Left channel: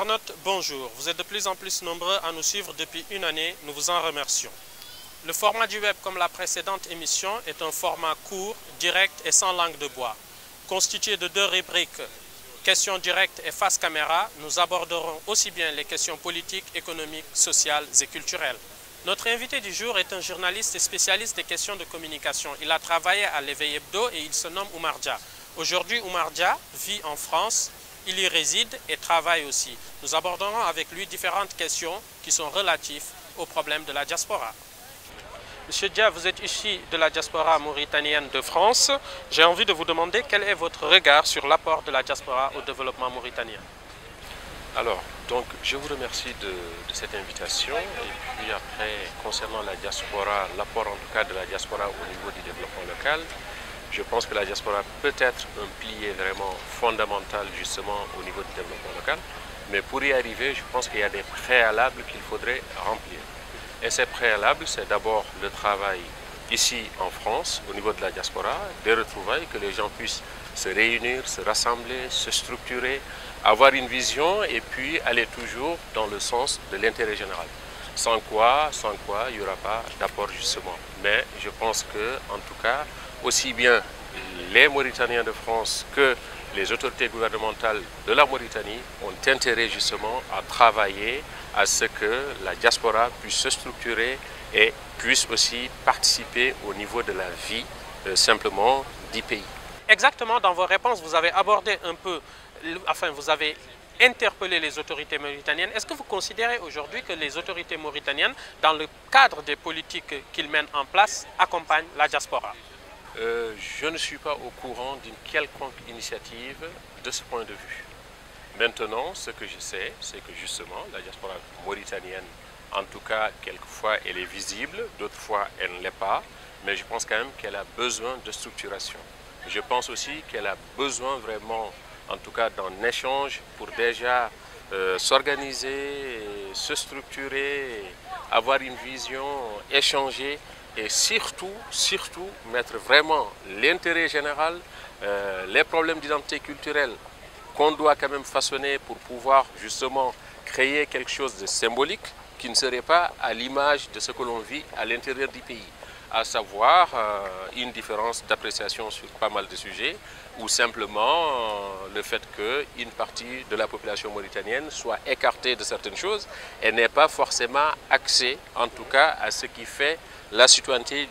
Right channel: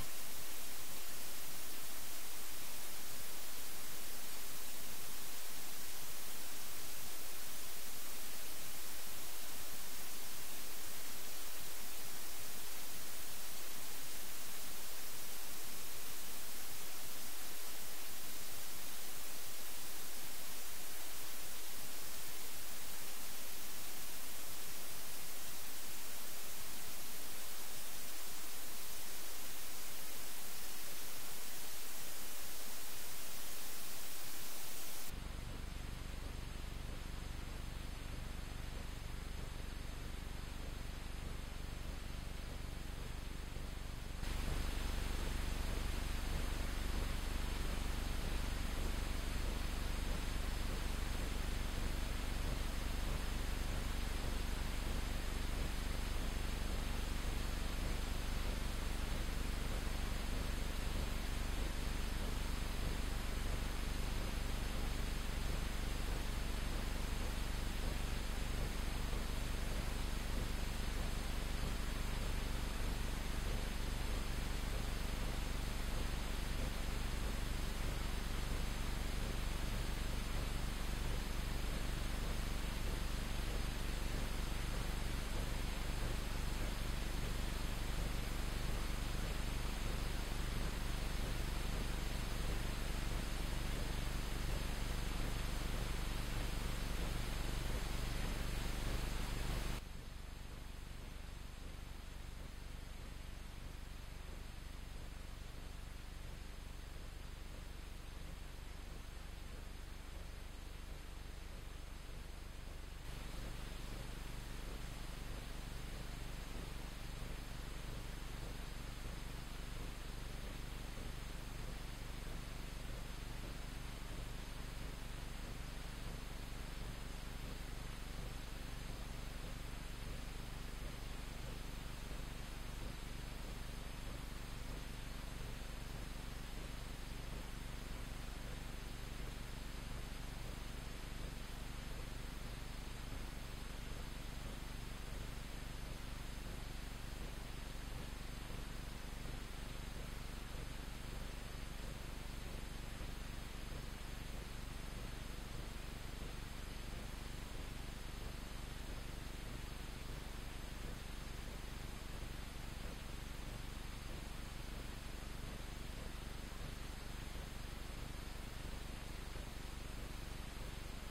Internautes, bonjour. Vous êtes de plus en plus nombreux à nous suivre depuis une année. Nous vous en remercions. Le format du web, comme la précédente émission, est un format court, direct et sans langue de bois. Constitué de deux rubriques, questions directes et face caméra, nous aborderons aussi bien les questions politiques, économiques, sociales et culturelles. Notre invité du jour est un journaliste et spécialiste des questions de communication. Il a travaillé à l'Éveil Hebdo et il se nomme Oumar Dia. Aujourd'hui, Oumar Dia vit en France. Il y réside et travaille aussi. Nous aborderons avec lui différentes questions qui sont relatives aux problèmes de la diaspora. Monsieur Dia, vous êtes ici de la diaspora mauritanienne de France. J'ai envie de vous demander quel est votre regard sur l'apport de la diaspora au développement mauritanien. Alors, donc, je vous remercie de cette invitation. Et puis après, concernant la diaspora, l'apport en tout cas de la diaspora au niveau du développement local, je pense que la diaspora peut être un pilier vraiment fondamental justement au niveau du développement local. Mais pour y arriver, je pense qu'il y a des préalables qu'il faudrait remplir. Et ces préalables, c'est d'abord le travail ici en France, au niveau de la diaspora, des retrouvailles, que les gens puissent se réunir, se rassembler, se structurer, avoir une vision et puis aller toujours dans le sens de l'intérêt général. Sans quoi, il n'y aura pas d'apport justement. Mais je pense que, en tout cas, aussi bien les Mauritaniens de France que les autorités gouvernementales de la Mauritanie ont intérêt justement à travailler à ce que la diaspora puisse se structurer et puisse aussi participer au niveau de la vie simplement du pays. Exactement, dans vos réponses, vous avez abordé un peu, vous avez interpellé les autorités mauritaniennes. Est-ce que vous considérez aujourd'hui que les autorités mauritaniennes, dans le cadre des politiques qu'ils mènent en place, accompagnent la diaspora? Je ne suis pas au courant d'une quelconque initiative de ce point de vue. Maintenant, ce que je sais, c'est que justement, la diaspora mauritanienne, en tout cas, quelquefois, elle est visible, d'autres fois, elle ne l'est pas, mais je pense quand même qu'elle a besoin de structuration. Je pense aussi qu'elle a besoin vraiment, en tout cas, d'un échange pour déjà s'organiser, se structurer, avoir une vision, échanger et surtout mettre vraiment l'intérêt général, les problèmes d'identité culturelle qu'on doit quand même façonner pour pouvoir justement créer quelque chose de symbolique qui ne serait pas à l'image de ce que l'on vit à l'intérieur du pays, à savoir une différence d'appréciation sur pas mal de sujets ou simplement le fait qu'une partie de la population mauritanienne soit écartée de certaines choses et n'est pas forcément axée en tout cas à ce qui fait la citoyenneté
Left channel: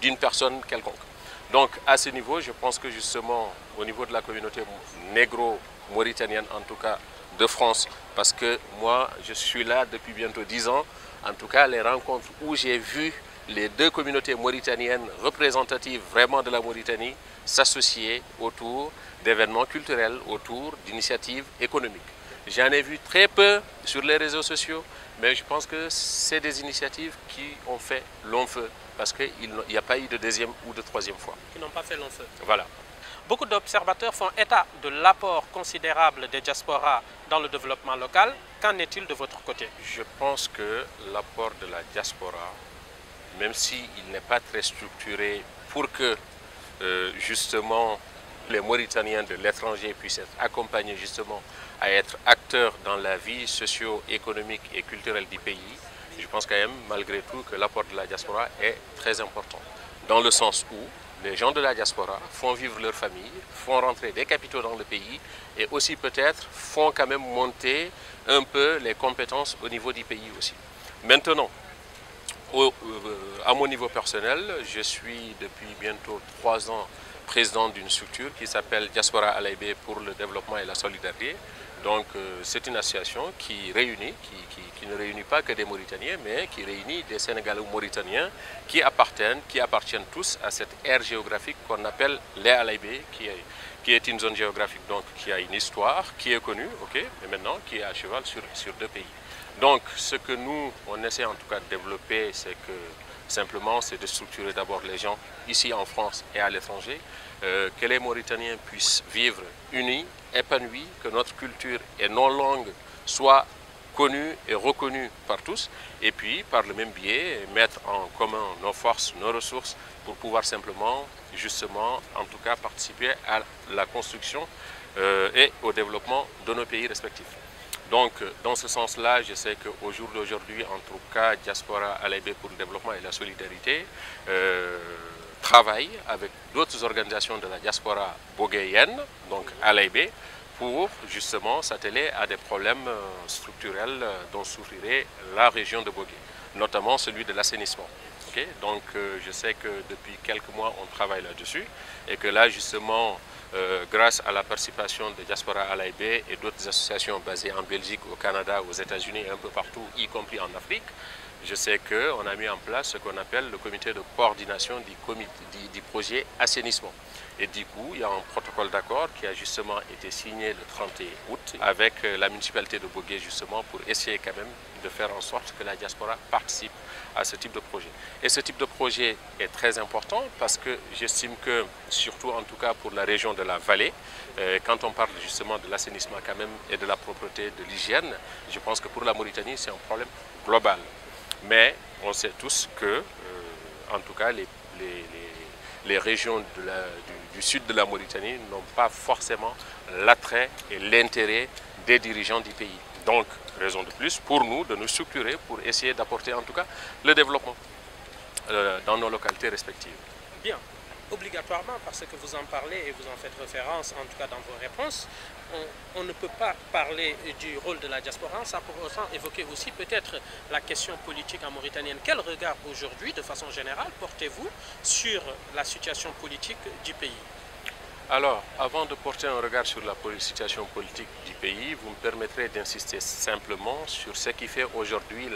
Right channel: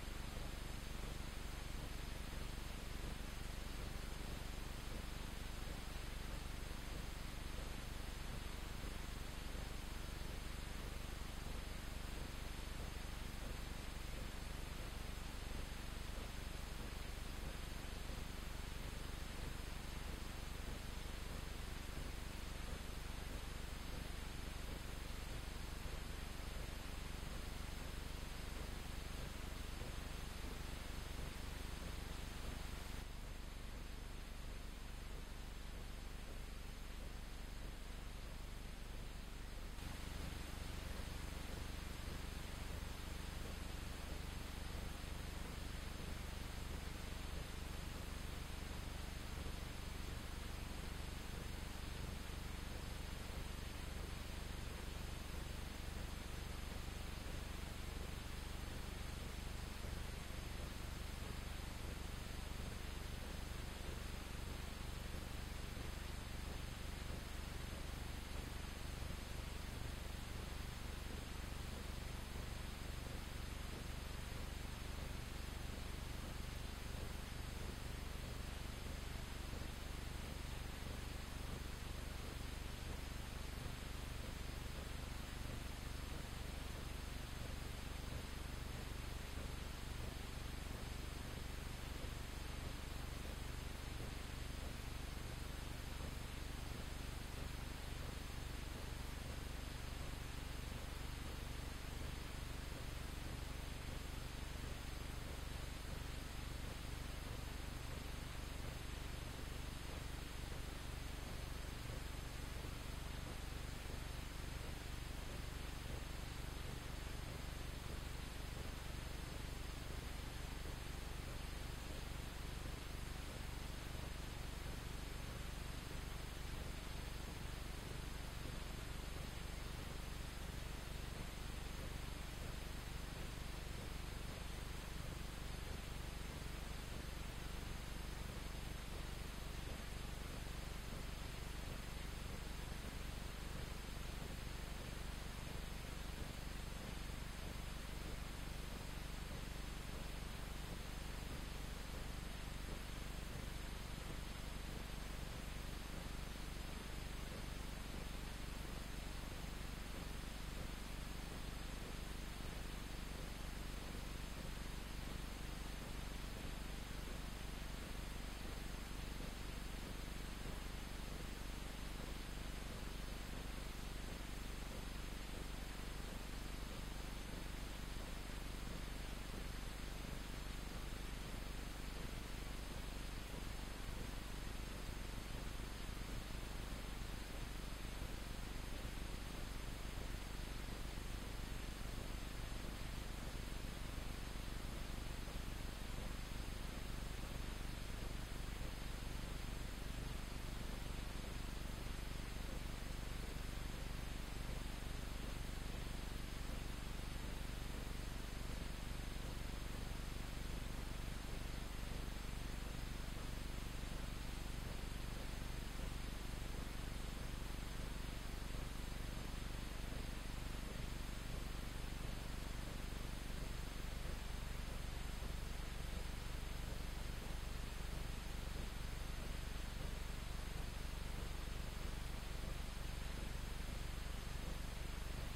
d'une personne quelconque. Donc à ce niveau, je pense que justement au niveau de la communauté négro-mauritanienne, en tout cas de France, parce que moi je suis là depuis bientôt 10 ans, en tout cas les rencontres où j'ai vu les deux communautés mauritaniennes représentatives vraiment de la Mauritanie s'associer autour d'événements culturels, autour d'initiatives économiques. J'en ai vu très peu sur les réseaux sociaux, mais je pense que c'est des initiatives qui ont fait long feu, parce qu'il n'y a pas eu de deuxième ou de troisième fois. Qui n'ont pas fait long feu. Voilà. Beaucoup d'observateurs font état de l'apport considérable des diasporas dans le développement local. Qu'en est-il de votre côté? Je pense que l'apport de la diaspora, même s'il n'est pas très structuré pour que justement les Mauritaniens de l'étranger puissent être accompagnés justement à être acteurs dans la vie socio-économique et culturelle du pays, je pense quand même malgré tout que l'apport de la diaspora est très important. Dans le sens où les gens de la diaspora font vivre leur famille, font rentrer des capitaux dans le pays et aussi peut-être font quand même monter un peu les compétences au niveau du pays aussi. Maintenant, à mon niveau personnel, je suis depuis bientôt 3 ans président d'une structure qui s'appelle Diaspora Alaïbé pour le développement et la solidarité. Donc c'est une association qui réunit, qui ne réunit pas que des Mauritaniens, mais qui réunit des Sénégalais ou Mauritaniens qui appartiennent tous à cette aire géographique qu'on appelle les Alaïbé, qui est une zone géographique donc, qui a une histoire, qui est connue, et maintenant qui est à cheval sur deux pays. Donc ce que nous, on essaie en tout cas de développer, c'est que simplement c'est de structurer d'abord les gens ici en France et à l'étranger, que les Mauritaniens puissent vivre unis, épanouis, que notre culture et nos langues soient connues et reconnues par tous, et puis par le même biais mettre en commun nos forces, nos ressources pour pouvoir simplement, justement, en tout cas participer à la construction et au développement de nos pays respectifs. Donc, dans ce sens-là, je sais qu'au jour d'aujourd'hui, en tout cas, Diaspora Alaïbé pour le développement et la solidarité travaille avec d'autres organisations de la diaspora boguéenne, donc Alaïbé, pour justement s'atteler à des problèmes structurels dont souffrirait la région de Bogué, notamment celui de l'assainissement. Okay? Donc, je sais que depuis quelques mois, on travaille là-dessus et que là, justement, grâce à la participation de Diaspora Alaïbé et d'autres associations basées en Belgique, au Canada, aux États-Unis et un peu partout, y compris en Afrique, je sais qu'on a mis en place ce qu'on appelle le comité de coordination du projet assainissement. Et du coup, il y a un protocole d'accord qui a justement été signé le 31 août avec la municipalité de Bogué justement pour essayer quand même de faire en sorte que la diaspora participe à ce type de projet. Et ce type de projet est très important parce que j'estime que, surtout en tout cas pour la région de la vallée, quand on parle justement de l'assainissement quand même et de la propreté, de l'hygiène, je pense que pour la Mauritanie, c'est un problème global. Mais on sait tous que, en tout cas, les régions du sud de la Mauritanie n'ont pas forcément l'attrait et l'intérêt des dirigeants du pays. Donc, raison de plus pour nous de nous structurer pour essayer d'apporter en tout cas le développement dans nos localités respectives. Bien. Obligatoirement, parce que vous en parlez et vous en faites référence, en tout cas dans vos réponses, on ne peut pas parler du rôle de la diaspora sans pour autant évoquer aussi peut-être la question politique en Mauritanie. Quel regard aujourd'hui, de façon générale, portez-vous sur la situation politique du pays? Alors, avant de porter un regard sur la situation politique du pays, vous me permettrez d'insister simplement sur ce qui fait aujourd'hui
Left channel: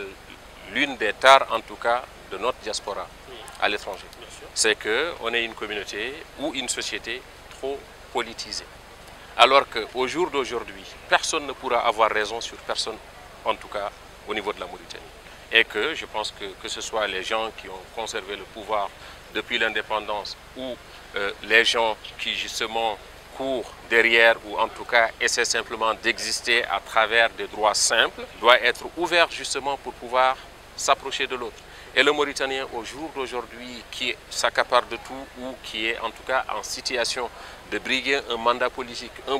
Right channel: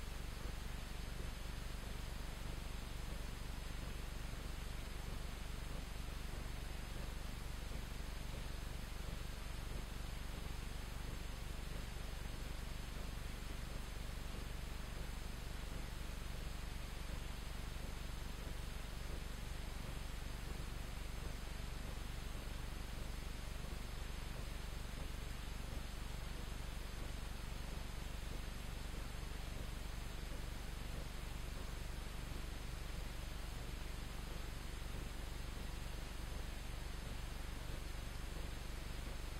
l'une des tares, en tout cas, de notre diaspora à l'étranger. C'est qu'on est une communauté ou une société trop politisée. Alors qu'au jour d'aujourd'hui, personne ne pourra avoir raison sur personne, en tout cas au niveau de la Mauritanie. Et que je pense que ce soit les gens qui ont conservé le pouvoir depuis l'indépendance ou les gens qui justement courent derrière ou en tout cas essaient simplement d'exister à travers des droits simples, doit être ouvert justement pour pouvoir s'approcher de l'autre. Et le Mauritanien au jour d'aujourd'hui qui s'accapare de tout ou qui est en tout cas en situation de briguer un mandat politique, un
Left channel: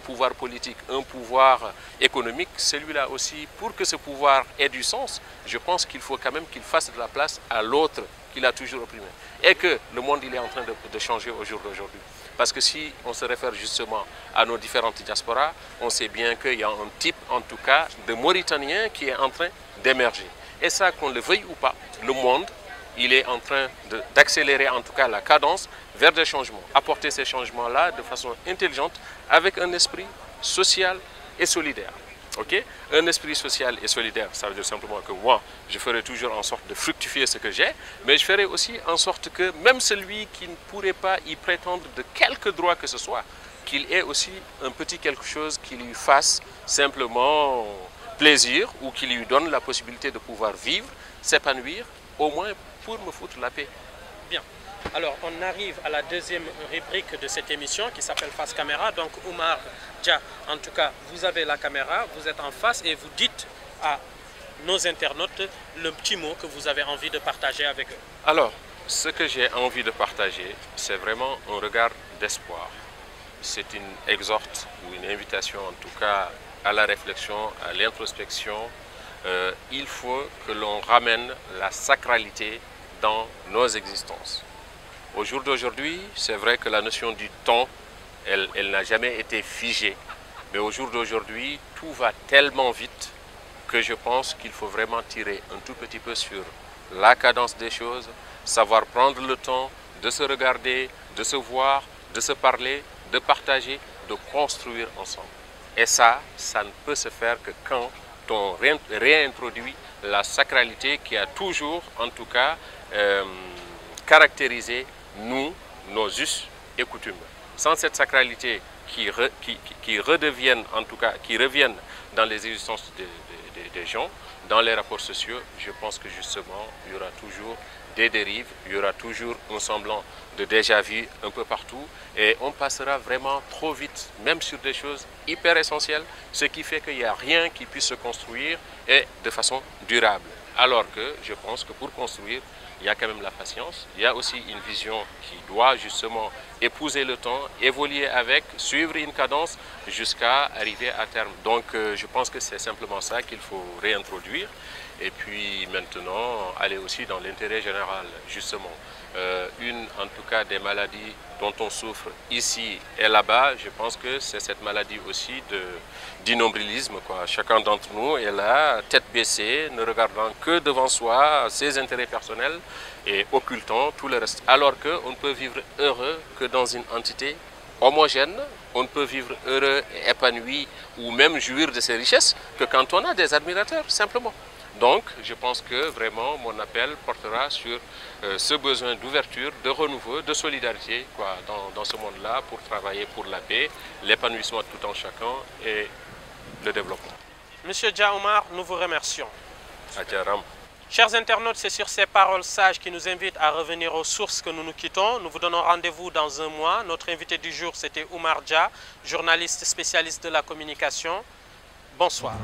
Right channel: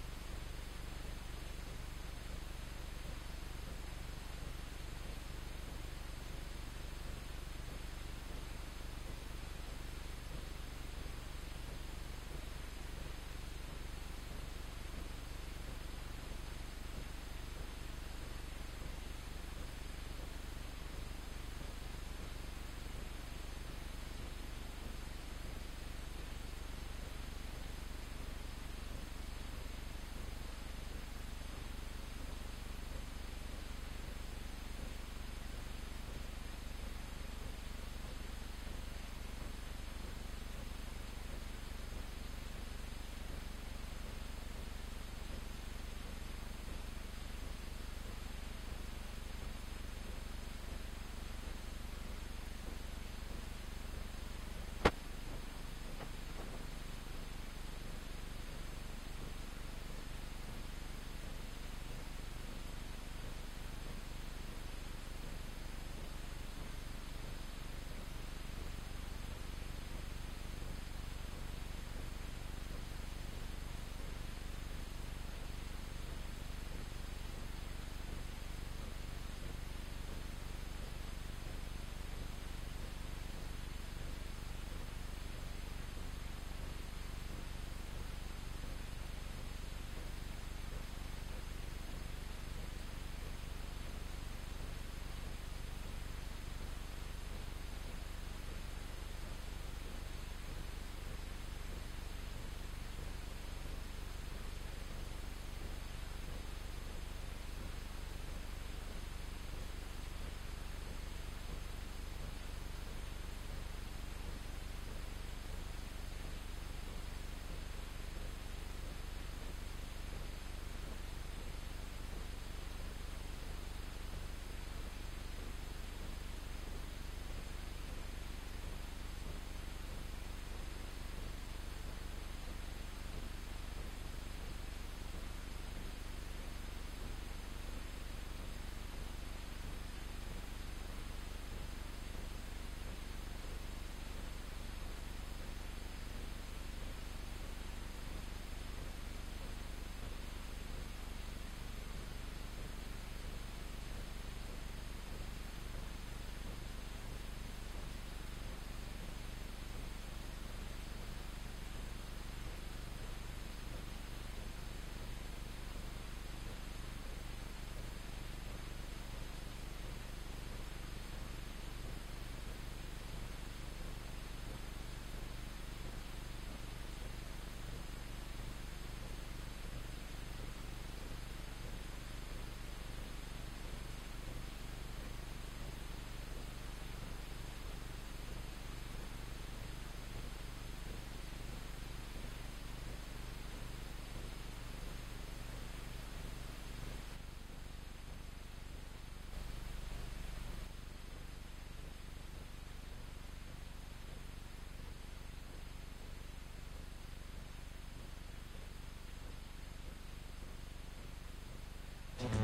pouvoir économique, celui-là aussi, pour que ce pouvoir ait du sens, je pense qu'il faut quand même qu'il fasse de la place à l'autre qu'il a toujours opprimé. Et que le monde il est en train de changer au jour d'aujourd'hui. Parce que si on se réfère justement à nos différentes diasporas, on sait bien qu'il y a un type en tout cas de Mauritanien qui est en train d'émerger. Et ça, qu'on le veuille ou pas, le monde, il est en train d'accélérer en tout cas la cadence vers des changements. Apporter ces changements-là de façon intelligente avec un esprit social et solidaire. Okay? Un esprit social et solidaire, ça veut dire simplement que moi, je ferai toujours en sorte de fructifier ce que j'ai, mais je ferai aussi en sorte que même celui qui ne pourrait pas y prétendre de quelque droit que ce soit, qu'il ait aussi un petit quelque chose qui lui fasse simplement plaisir ou qui lui donne la possibilité de pouvoir vivre, s'épanouir, au moins pour me foutre la paix. Bien. Alors, on arrive à la deuxième rubrique de cette émission qui s'appelle Face Caméra. Donc, Oumar Dia, en tout cas, vous avez la caméra, vous êtes en face et vous dites à nos internautes le petit mot que vous avez envie de partager avec eux. Alors, ce que j'ai envie de partager, c'est vraiment un regard d'espoir. C'est une exhorte ou une invitation, en tout cas, à la réflexion, à l'introspection. Il faut que l'on ramène la sacralité dans nos existences. Au jour d'aujourd'hui, c'est vrai que la notion du temps, elle n'a jamais été figée. Mais au jour d'aujourd'hui, tout va tellement vite que je pense qu'il faut vraiment tirer un tout petit peu sur la cadence des choses, savoir prendre le temps de se regarder, de se voir, de se parler, de partager, de construire ensemble. Et ça ne peut se faire que quand on réintroduit la sacralité qui a toujours, en tout cas, caractérisé nos us et coutumes. Sans cette sacralité qui redeviennent, en tout cas, qui reviennent dans les existences des gens, dans les rapports sociaux, je pense que justement, il y aura toujours des dérives, il y aura toujours un semblant de déjà-vu un peu partout et on passera vraiment trop vite, même sur des choses hyper essentielles, ce qui fait qu'il n'y a rien qui puisse se construire et de façon durable. Alors que je pense que pour construire, il y a quand même la patience. Il y a aussi une vision qui doit justement épouser le temps, évoluer avec, suivre une cadence jusqu'à arriver à terme. Donc je pense que c'est simplement ça qu'il faut réintroduire. Et puis maintenant, aller aussi dans l'intérêt général, justement. Une, en tout cas, des maladies dont on souffre ici et là-bas, je pense que c'est cette maladie aussi d'innombrilisme, quoi. Chacun d'entre nous est là, tête baissée, ne regardant que devant soi, ses intérêts personnels et occultant tout le reste. Alors qu'on ne peut vivre heureux que dans une entité homogène, on ne peut vivre heureux et épanoui ou même jouir de ses richesses que quand on a des admirateurs, simplement. Donc, je pense que vraiment mon appel portera sur ce besoin d'ouverture, de renouveau, de solidarité quoi, dans ce monde-là pour travailler pour la paix, l'épanouissement de tout en chacun et le développement. Monsieur Dia Oumar, nous vous remercions. Adjaram. Chers internautes, c'est sur ces paroles sages qui nous invitent à revenir aux sources que nous nous quittons. Nous vous donnons rendez-vous dans un mois. Notre invité du jour, c'était Oumar Dia, journaliste spécialiste de la communication. Bonsoir.